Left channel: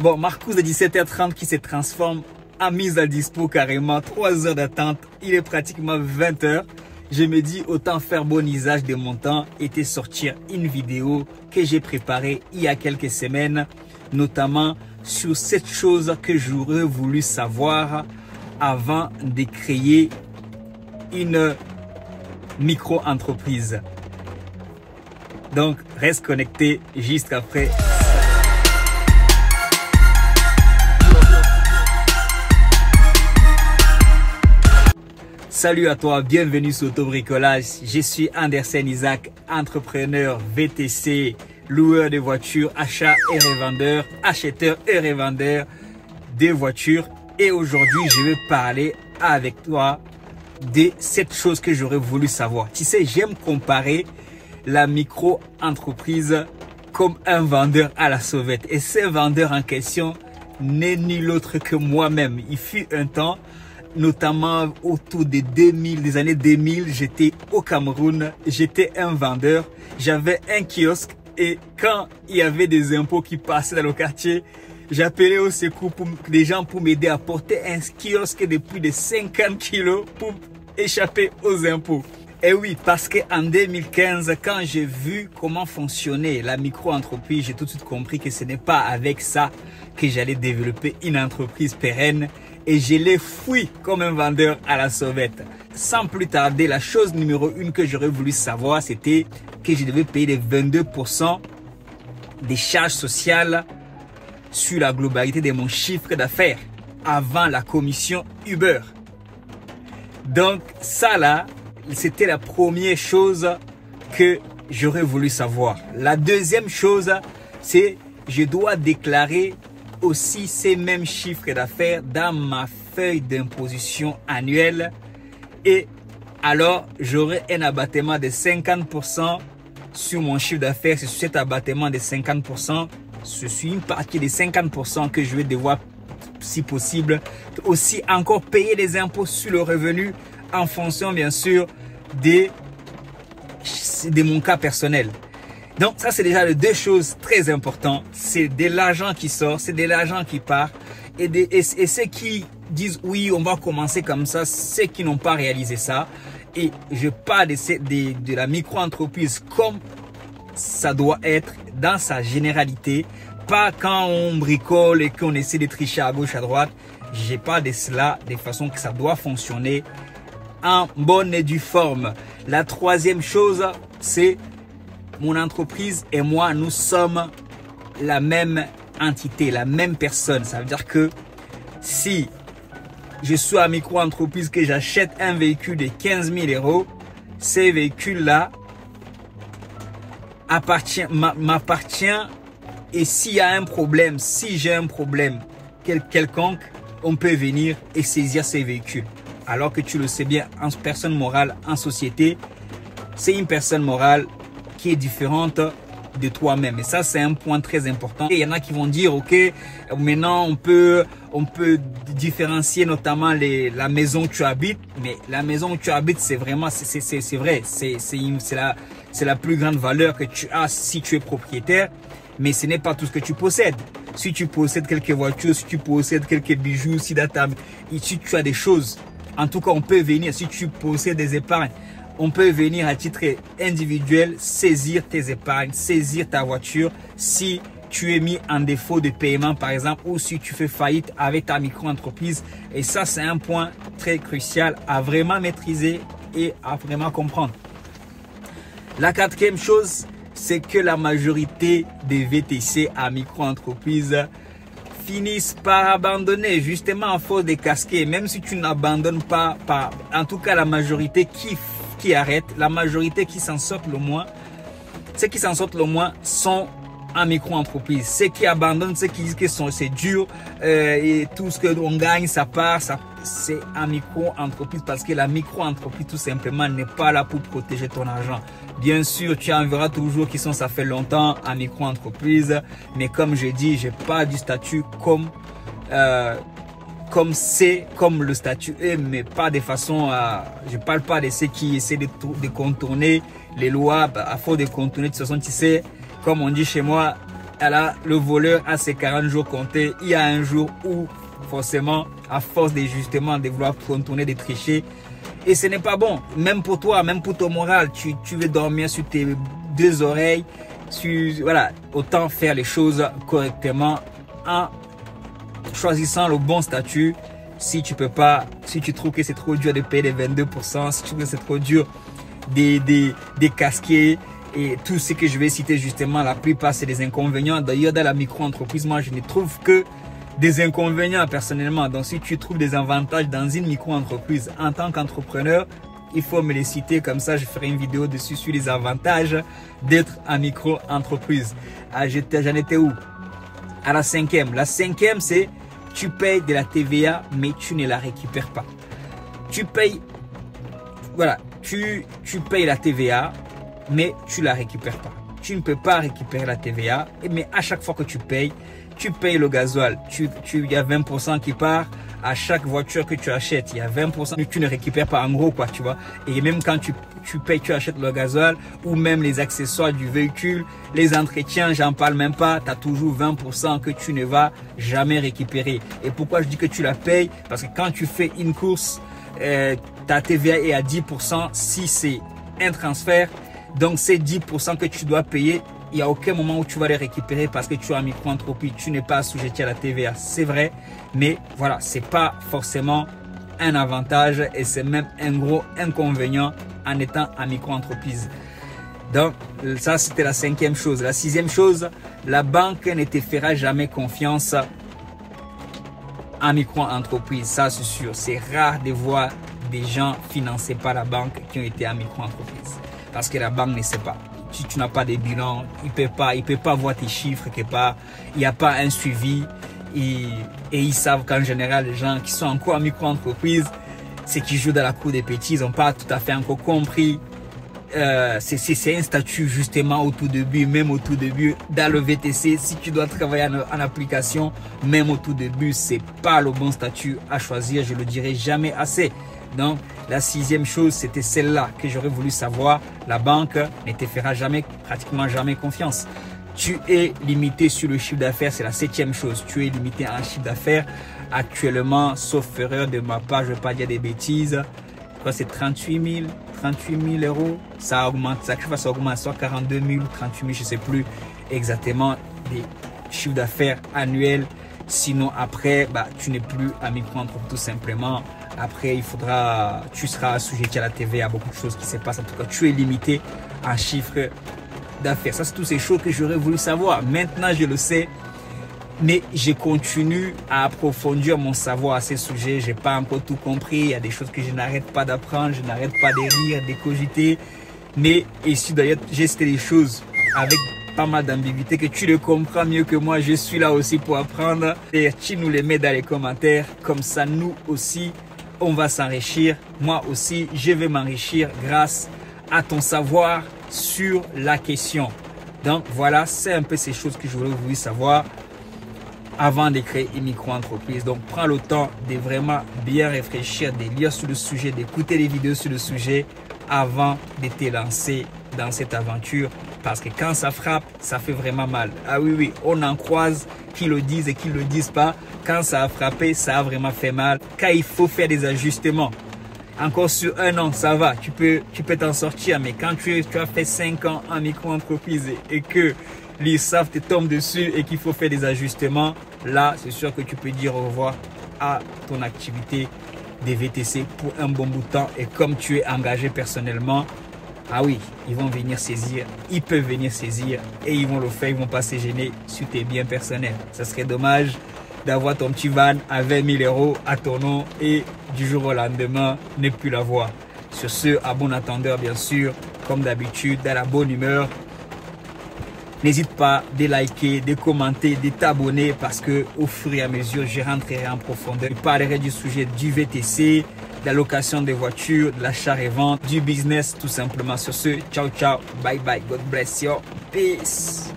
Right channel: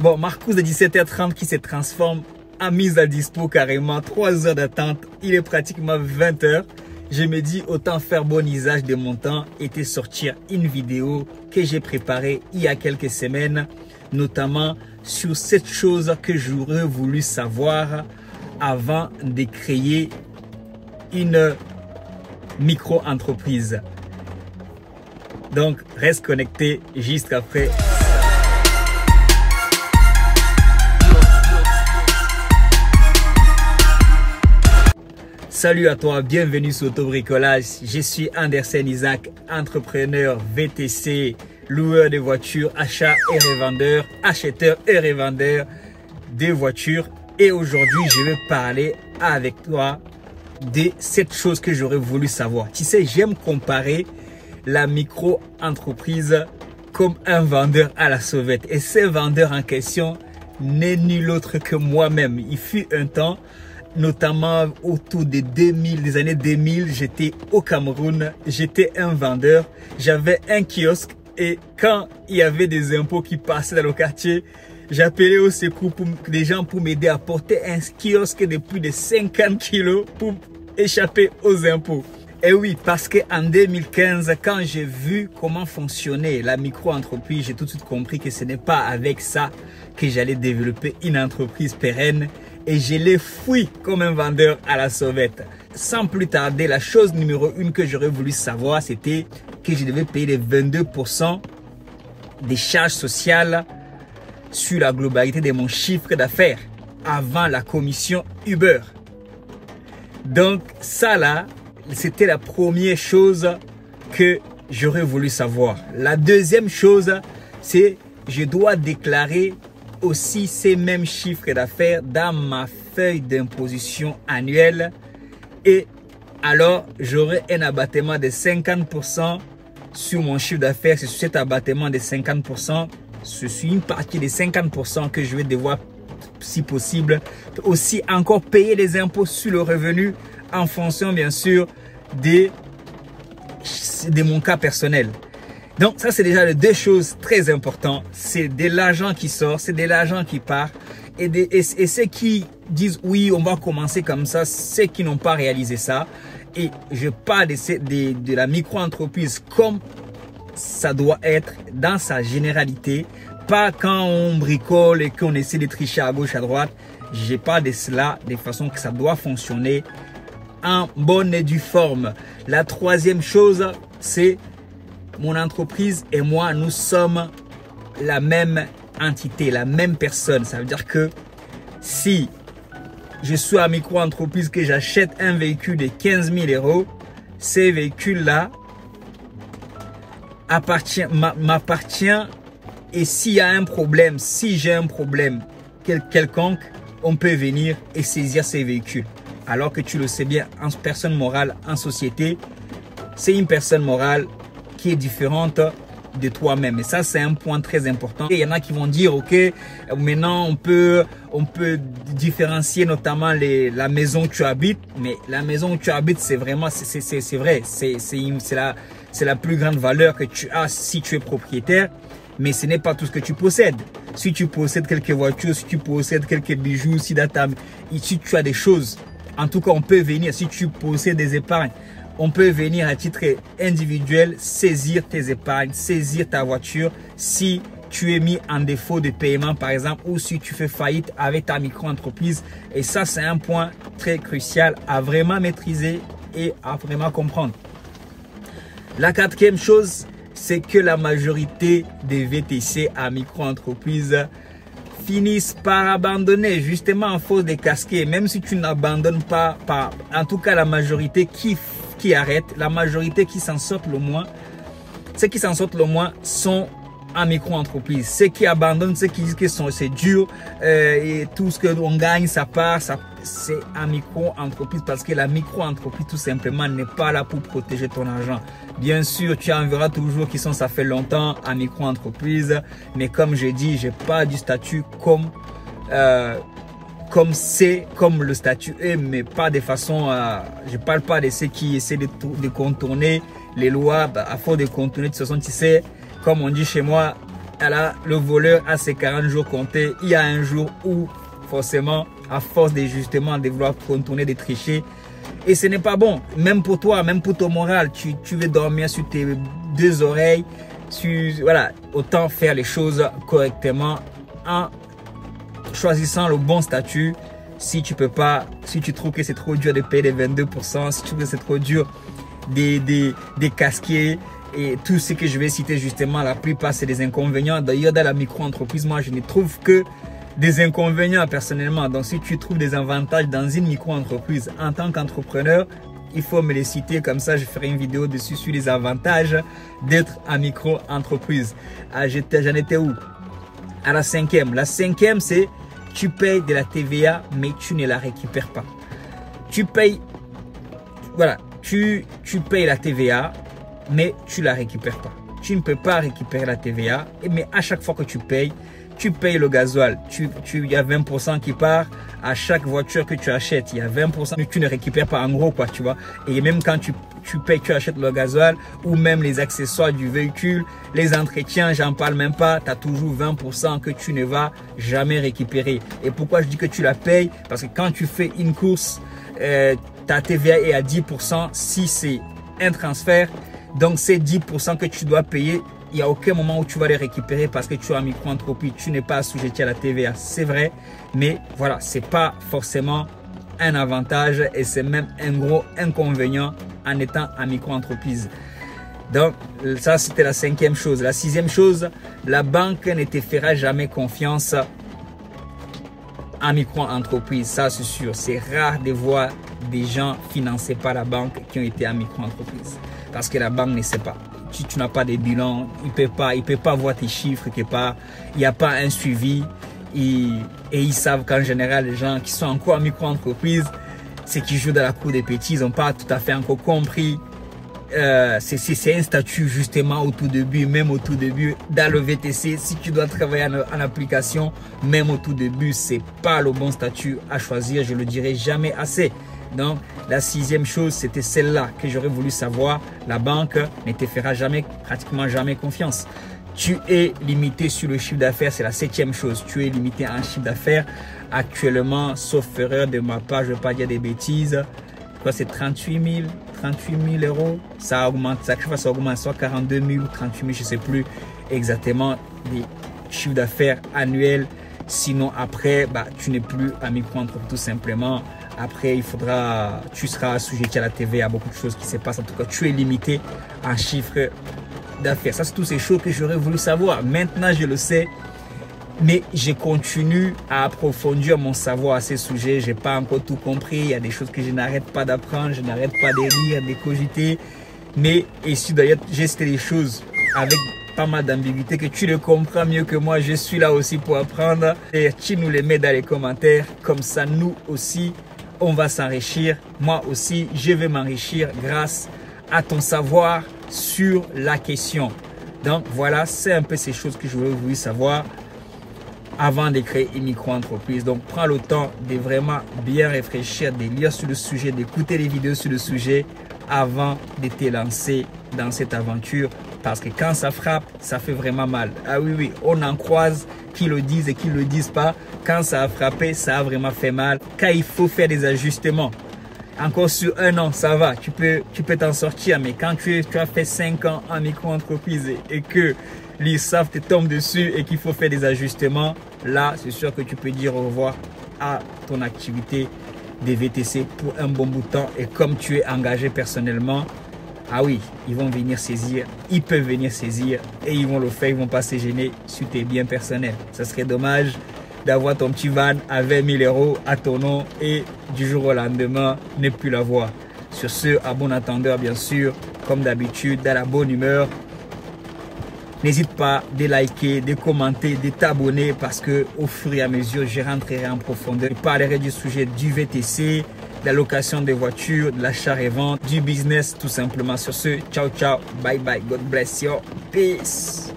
Bon, Marcus de 17h30 qui se transforme en mise à dispo carrément. 3 heures d'attente. Il est pratiquement 20h. Je me dis autant faire bon usage de mon temps et te sortir une vidéo que j'ai préparée il y a quelques semaines, notamment sur cette chose que j'aurais voulu savoir avant de créer une micro-entreprise. Donc, reste connecté juste après. Salut à toi, bienvenue sur Autobricolage. Je suis Andersen Isaac, entrepreneur VTC, loueur de voitures, acheteur et revendeur de voitures. Et aujourd'hui, je vais parler avec toi de cette chose que j'aurais voulu savoir. Tu sais, j'aime comparer la micro-entreprise comme un vendeur à la sauvette. Et ce vendeur en question n'est nul autre que moi-même. Il fut un temps, notamment autour des années 2000, j'étais au Cameroun, j'étais un vendeur, j'avais un kiosque et quand il y avait des impôts qui passaient dans le quartier, j'appelais au secours pour des gens pour m'aider à porter un kiosque de plus de 50 kilos pour échapper aux impôts. Et oui, parce qu'en 2015, quand j'ai vu comment fonctionnait la micro-entreprise, j'ai tout de suite compris que ce n'est pas avec ça que j'allais développer une entreprise pérenne. Et je l'ai fui comme un vendeur à la sauvette. Sans plus tarder, la chose numéro 1 que j'aurais voulu savoir, c'était que je devais payer les 22% des charges sociales sur la globalité de mon chiffre d'affaires avant la commission Uber. Donc ça là, c'était la première chose que j'aurais voulu savoir. La deuxième chose, c'est que je dois déclarer aussi ces mêmes chiffres d'affaires dans ma feuille d'imposition annuelle et alors j'aurai un abattement de 50% sur mon chiffre d'affaires. C'est sur cet abattement de 50%, ce suis une partie des 50% que je vais devoir, si possible, aussi encore payer les impôts sur le revenu en fonction bien sûr de mon cas personnel. Donc ça c'est déjà les deux choses très importantes. C'est de l'argent qui sort, c'est de l'argent qui part. Et ceux qui disent oui on va commencer comme ça, ceux qui n'ont pas réalisé ça. Et je parle de la micro-entreprise comme ça doit être dans sa généralité. Pas quand on bricole et qu'on essaie de tricher à gauche à droite. Je parle de cela de façon que ça doit fonctionner en bonne et due forme. La troisième chose c'est mon entreprise et moi, nous sommes la même entité, la même personne. Ça veut dire que si je suis à micro-entreprise, que j'achète un véhicule de 15 000 euros, ces véhicules-là m'appartient. Et s'il y a un problème, si j'ai un problème quelconque, on peut venir et saisir ces véhicules. Alors que tu le sais bien, en personne morale, en société, c'est une personne morale qui est différente de toi-même. Et ça, c'est un point très important. Et il y en a qui vont dire, ok, maintenant on peut différencier notamment la maison où tu habites. Mais la maison où tu habites, c'est vraiment, c'est vrai, c'est la plus grande valeur que tu as si tu es propriétaire. Mais ce n'est pas tout ce que tu possèdes. Si tu possèdes quelques voitures, si tu possèdes quelques bijoux, si tu as des choses, en tout cas, on peut venir, si tu possèdes des épargnes, on peut venir à titre individuel saisir tes épargnes, saisir ta voiture si tu es mis en défaut de paiement par exemple ou si tu fais faillite avec ta micro-entreprise. Et ça, c'est un point très crucial à vraiment maîtriser et à vraiment comprendre. La quatrième chose, c'est que la majorité des VTC à micro-entreprise finissent par abandonner justement à force de casquer. Même si tu n'abandonnes pas, en tout cas la majorité qui arrête, la majorité qui s'en sortent le moins, ceux qui s'en sortent le moins sont en micro-entreprise. Ceux qui abandonnent, ceux qui disent que c'est dur et tout ce que l'on gagne, ça part, c'est en micro-entreprise parce que la micro-entreprise tout simplement n'est pas là pour protéger ton argent. Bien sûr, tu en verras toujours qui sont, ça fait longtemps en micro-entreprise, mais comme je dis, j'ai pas du statut comme le statut est, mais pas de façon je parle pas de ceux qui essaient de contourner les lois à force de contourner. De toute façon, tu sais, comme on dit chez moi, Alors, le voleur a ses 40 jours comptés. Il y a un jour où, forcément, à force des justement de vouloir contourner, de tricher, et ce n'est pas bon, même pour toi, même pour ton moral. Tu veux dormir sur tes deux oreilles. Voilà, autant faire les choses correctement en choisissant le bon statut. Si tu peux pas, si tu trouves que c'est trop dur de payer les 22%, si tu trouves que c'est trop dur des casquets et tout ce que je vais citer justement, la plupart c'est des inconvénients. D'ailleurs, dans la micro-entreprise, moi je ne trouve que des inconvénients personnellement. Donc si tu trouves des avantages dans une micro-entreprise en tant qu'entrepreneur, il faut me les citer, comme ça je ferai une vidéo dessus sur les avantages d'être en micro-entreprise. J'en étais où? À la cinquième. La cinquième, c'est tu payes de la TVA mais tu ne la récupères pas. Tu payes, voilà, tu payes la TVA mais tu la récupères pas. Tu ne peux pas récupérer la TVA, mais à chaque fois que tu payes le gasoil, il y a 20% qui part à chaque voiture que tu achètes. Il y a 20% que tu ne récupères pas en gros, quoi, tu vois. Et même quand tu payes, tu achètes le gasoil ou même les accessoires du véhicule, les entretiens, j'en parle même pas, tu as toujours 20% que tu ne vas jamais récupérer. Et pourquoi je dis que tu la payes? Parce que quand tu fais une course, ta TVA est à 10% si c'est un transfert. Donc c'est 10% que tu dois payer. Il n'y a aucun moment où tu vas les récupérer parce que tu es en micro-entreprise, tu n'es pas assujetti à la TVA, c'est vrai. Mais voilà, c'est pas forcément un avantage et c'est même un gros inconvénient en étant en micro-entreprise. Donc ça, c'était la cinquième chose. La sixième chose, la banque ne te fera jamais confiance en micro-entreprise. Ça, c'est sûr. C'est rare de voir des gens financés par la banque qui ont été en micro-entreprise. Parce que la banque ne sait pas. Si tu n'as pas de bilan, il peut pas voir tes chiffres quelque part. Il n'y a pas un suivi. Et ils savent qu'en général, les gens qui sont encore en micro-entreprise, c'est qui jouent dans la cour des petits. Ils n'ont pas tout à fait encore compris. C'est un statut justement au tout début, même au tout début dans le VTC. Si tu dois travailler en application, même au tout début, c'est pas le bon statut à choisir. Je le dirai jamais assez. Donc, la sixième chose, c'était celle-là que j'aurais voulu savoir. La banque ne te fera jamais, pratiquement jamais confiance. Tu es limité sur le chiffre d'affaires, c'est la septième chose. Tu es limité en chiffre d'affaires. Actuellement, sauf erreur de ma part, je ne vais pas dire des bêtises. C'est 38 000 euros. Ça augmente, chaque fois ça augmente, soit 42 000 ou 38 000, je ne sais plus exactement les chiffres d'affaires annuels. Sinon, après, tu n'es plus à micro-entreprise tout simplement. Après, tu seras assujetti à la TVA, à beaucoup de choses qui se passent. En tout cas, tu es limité en chiffre d'affaires. Ça, c'est toutes ces choses que j'aurais voulu savoir. Maintenant, je le sais, mais je continue à approfondir mon savoir à ces sujets. Je n'ai pas encore tout compris. Il y a des choses que je n'arrête pas d'apprendre. Je n'arrête pas de lire, de cogiter. Mais ici, d'ailleurs, j'ai cité des choses avec pas mal d'ambiguïté que tu le comprends mieux que moi. Je suis là aussi pour apprendre. Et tu nous les mets dans les commentaires. Comme ça, nous aussi, on va s'enrichir. Moi aussi, je vais m'enrichir grâce à ton savoir sur la question. Donc voilà, c'est un peu ces choses que je voulais vous savoir avant de créer une micro-entreprise. Donc prends le temps de vraiment bien réfléchir, de lire sur le sujet, d'écouter les vidéos sur le sujet avant de te lancer dans cette aventure. Parce que quand ça frappe, ça fait vraiment mal. Ah oui, oui, on en croise qui le disent et qui ne le disent pas. Quand ça a frappé, ça a vraiment fait mal. Quand il faut faire des ajustements, encore sur un an, ça va, tu peux t'en sortir. Mais quand tu as fait 5 ans en micro-entreprise et que l'ISAF te tombe dessus et qu'il faut faire des ajustements, là, c'est sûr que tu peux dire au revoir à ton activité des VTC pour un bon bout de temps. Et comme tu es engagé personnellement, ah oui, ils vont venir saisir, ils peuvent venir saisir et ils vont le faire, ils ne vont pas se gêner sur tes biens personnels. Ça serait dommage d'avoir ton petit van à 20 000 euros à ton nom et du jour au lendemain, ne plus l'avoir. Sur ce, à bon entendeur, bien sûr, comme d'habitude, dans la bonne humeur. N'hésite pas de liker, de commenter, de t'abonner parce que au fur et à mesure, je rentrerai en profondeur. Je parlerai du sujet du VTC, de la location des voitures, de l'achat et vente, du business tout simplement. Sur ce, ciao, ciao, bye bye, God bless you, peace.